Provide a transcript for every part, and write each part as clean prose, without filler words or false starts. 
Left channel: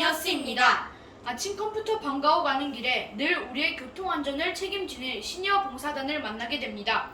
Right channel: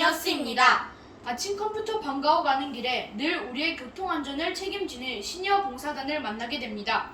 이니어스입니다. 아침 컴퓨터 방과후 가는 길에 늘 우리의 교통안전을 책임지는 시니어 봉사단을 만나게 됩니다.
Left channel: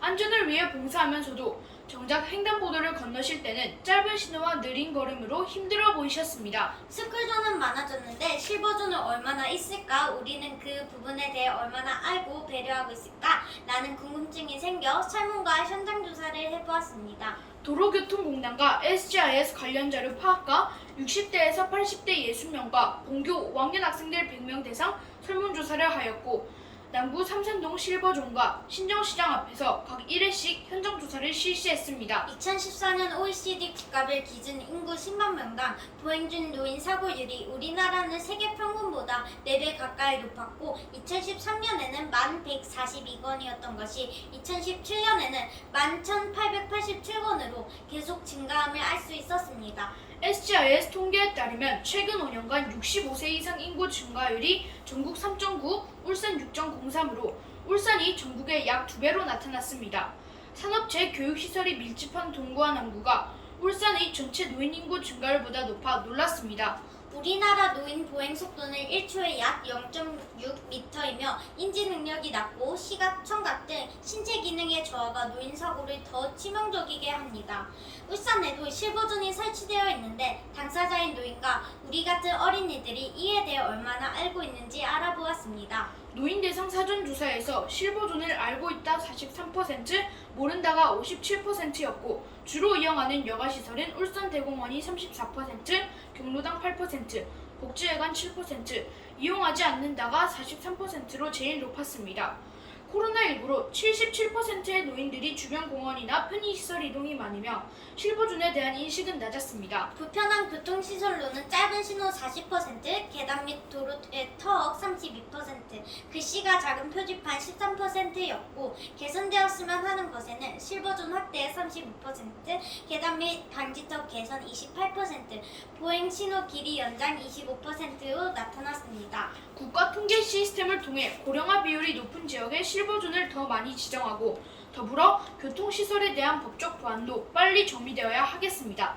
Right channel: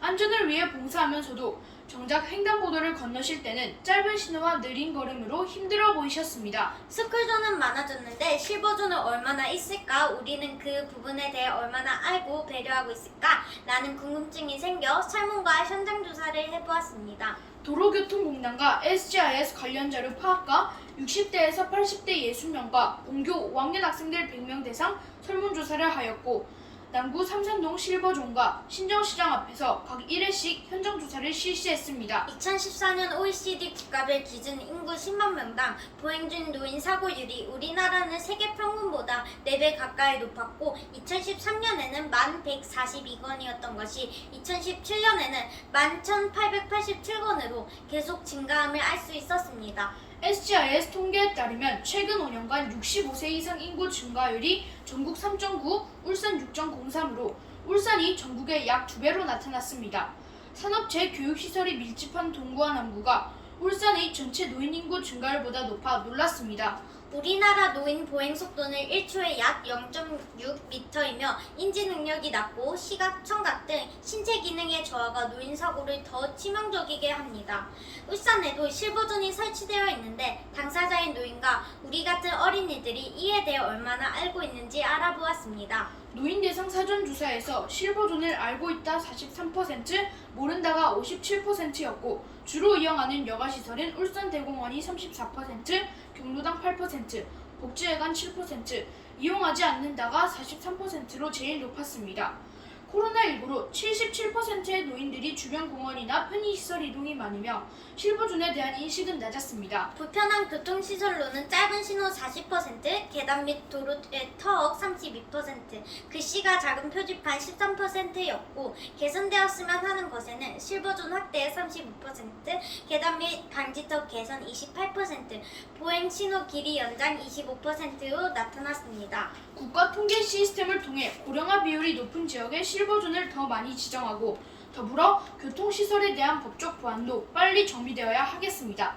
안전을 위해 봉사하면서도 정작 횡단보도를 건너실 때는 짧은 신호와 느린 걸음으로 힘들어 보이셨습니다. 스쿨존은 많아졌는데 실버존은 얼마나 있을까? 우리는 그 부분에 대해 얼마나 알고 배려하고 있을까? 라는 궁금증이 생겨 설문과 현장 조사를 해보았습니다. 도로교통공단과 SGIS 관련 자료 파악과 60대에서 80대 60명과 본교 5학년 학생들 100명 대상 설문조사를 하였고 남구 삼산동 실버존과 신정시장 앞에서 각 1회씩 현장조사를 실시했습니다. 2014년 OECD 국가별 기준 인구 10만 명당 보행 중 노인 사고율이 우리나라는 세계 평균보다 4배 가까이 높았고 2013년에는 1142건이었던 것이 2017년에는 11,887건으로 계속 증가함을 알 수 있었습니다. SGIS 통계에 따르면 최근 5년간 65세 이상 인구 증가율이 전국 3.9, 울산 6.03으로 울산이 전국의 약 2배로 나타났습니다. 산업체 교육시설이 밀집한 동구와 남구가 울산의 전체 노인 인구 증가율보다 높아 놀랐습니다. 우리나라 노인 보행 속도는 1초에 약 0.6m이며 인지 능력이 낮고 시각, 청각 등 신체 기능의 저하가 노인 사고를 더 치명적이게 합니다. 울산에도 실버존이 설치되어 있는데 당사자인 노인과 우리 같은 어린이들이 이에 대해 얼마나 알고 있는지 알아보았습니다. 노인 대상 사전조사에서 실버존을 알고 있다 43%, 모른다가 57%였고 주로 이용하는 여가시설인 울산대공원이 34%, 경로당 8%, 복지회관 7%, 이용하지 않는다가 43%로 제일 높았습니다. 코로나19로 77%의 노인들이 주변 공원이나 편의시설 이동이 많으며 실버존에 대한 인식은 낮았습니다. 불편한 교통시설로는 짧은 신호 40%, 계단 및 도로의 터억 32%, 글씨가 작은 표지판 13%였고 개선되었으면 하는 것에는 실버존 확대 35%, 계단 및 방지턱 개선 28%, 보행 신호 길이 연장 25%로 나타났습니다. 국가 통계 시스템을 통해 고령화 비율이 높은 지역에 실버존을 더 많이 지정하고 더불어 교통시설에 대한 법적 보완도 빨리 정비되어야 하겠습니다.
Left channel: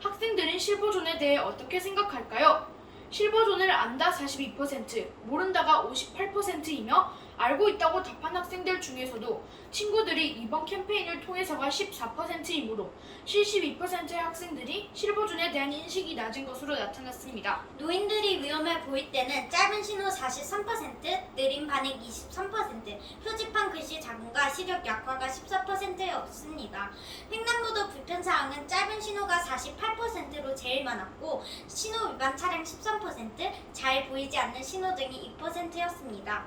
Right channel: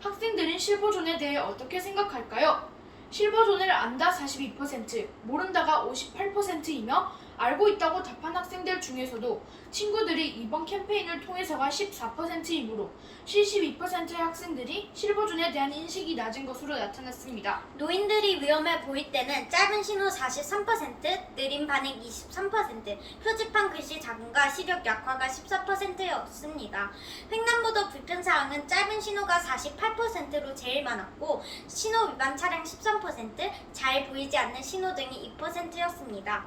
학생들은 실버존에 대해 어떻게 생각할까요? 실버존을 안다 42%, 모른다가 58%이며 알고 있다고 답한 학생들 중에서도 친구들이 이번 캠페인을 통해서가 14%이므로 72%의 학생들이 실버존에 대한 인식이 낮은 것으로 나타났습니다. 노인들이 위험해 보일 때는 짧은 신호 43%, 느린 반응 23%, 표지판 글씨 작음과 시력 약화가 14%였습니다. 횡단보도 불편사항은 짧은 신호가 48%로 제일 많았고 신호 위반 차량 13%, 잘 보이지 않는 신호등이 2%였습니다.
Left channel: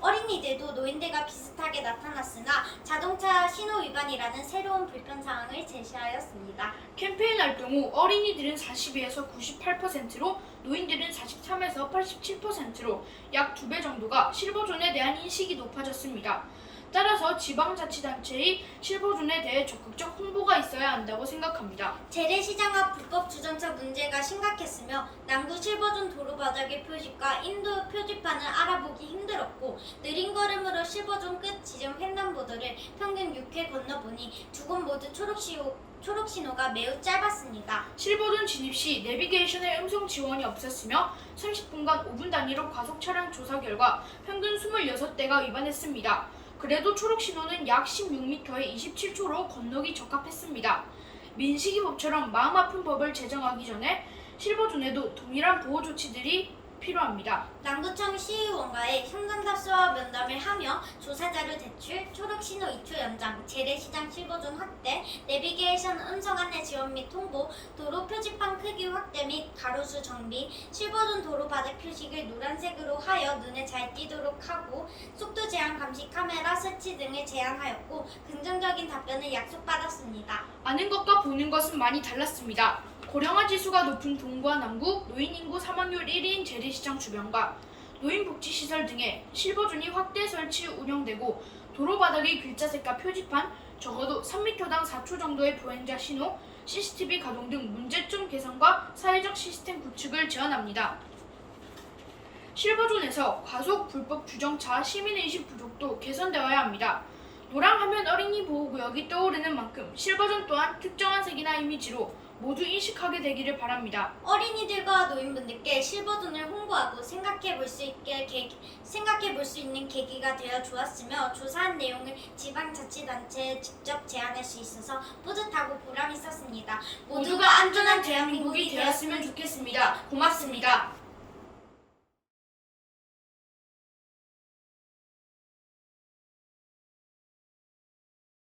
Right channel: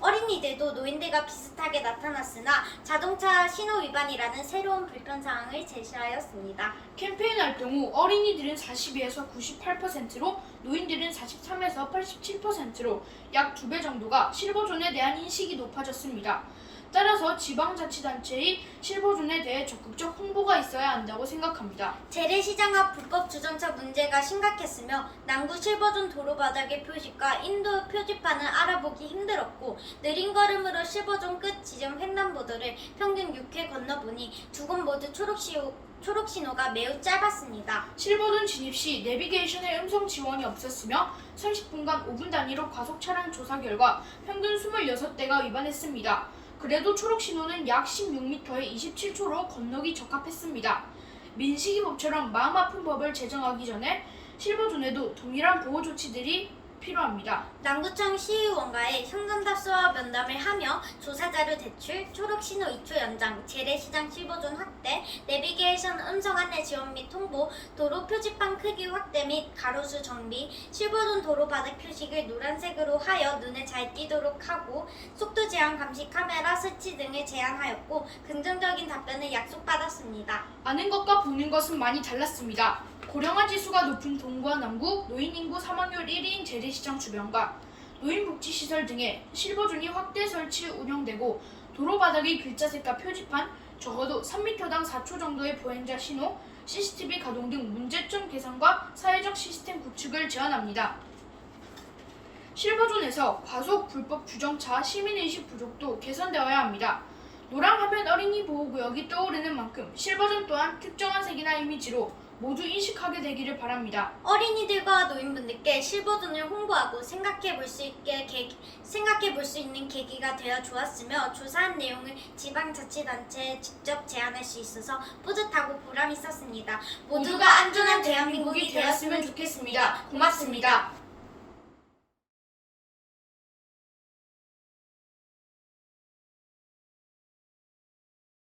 어린이들도 노인들과 비슷하게 나타났으나 자동차 신호 위반이라는 새로운 불편사항을 제시하였습니다. 캠페인 활동 후 어린이들은 42에서 98%로 노인들은 43에서 87%로 약 2배 정도가 실버존에 대한 인식이 높아졌습니다. 따라서 지방자치단체의 실버존에 대해 적극적 홍보가 있어야 한다고 생각합니다. 재래시장 앞 불법 주정차 문제가 심각했으며 남구 실버존 도로바닥의 표식과 인도 표지판을 알아보기 힘들었고 느린 걸음으로 실버존 끝 지점 횡단보도를 평균 6회 건너보니 두 곳 모두 초록신호가 매우 짧았습니다. 실버존 진입 시 내비게이션의 음성 지원이 없었으며 30분간 5분 단위로 과속 차량 조사 결과 평균 26대가 위반했습니다. 그래도 초록신호는 약 16m에 27초로 건너기 적합했습니다. 민식이법처럼 마음 아픈 법을 제정하기 전에 실버존에도 동일한 보호 조치들이 필요합니다. 남구청 시의원과의 현장답수와 면담을 하며 조사자료 제출, 초록신호 2초 연장, 재래시장 실버존 확대, 내비게이션 음성 안내 지원 및 통보, 도로 표지판 크기 확대 및 가로수 정비, 실버존 도로 바닥 표식을 노란색으로 하여 눈에 잘 띄도록 하고 속도 제한 감시 카메라 설치 등을 제안하였고 긍정적인 답변을 약속받았습니다. 아는 것과 보는 것은 많이 달랐습니다. 고령화 지수가 높은 동구와 남구, 노인 인구 사망률 1위인 재래시장 주변과 노인복지시설 등에 실버존이 확대 설치 운영되고 도로 바닥의 글자색과 표지판, 적어도 3m당 4초 정도의 보행자 신호, CCTV 가동 등 문제점 개선과 사회적 시스템 구축을 제안합니다. 실버존에서 과속 불법 주정차 시민의식 부족도 개선되어야 합니다. 노랑하면 어린이 보호구역이 떠오르는 만큼 실버존 또한 특정한 색이나 이미지로 모두 인식하게 되기를 바랍니다. 어린이들과 노인분들께 실버존을 홍보하고 생각해 볼 수 있는 계기가 되어 주었으며 조사한 내용을 지방자치단체에 직접 제안할 수 있어서 뿌듯하고 보람 있었습니다. 모두가 안전한 대한민국이 되었으면 좋겠습니다. 고맙습니다.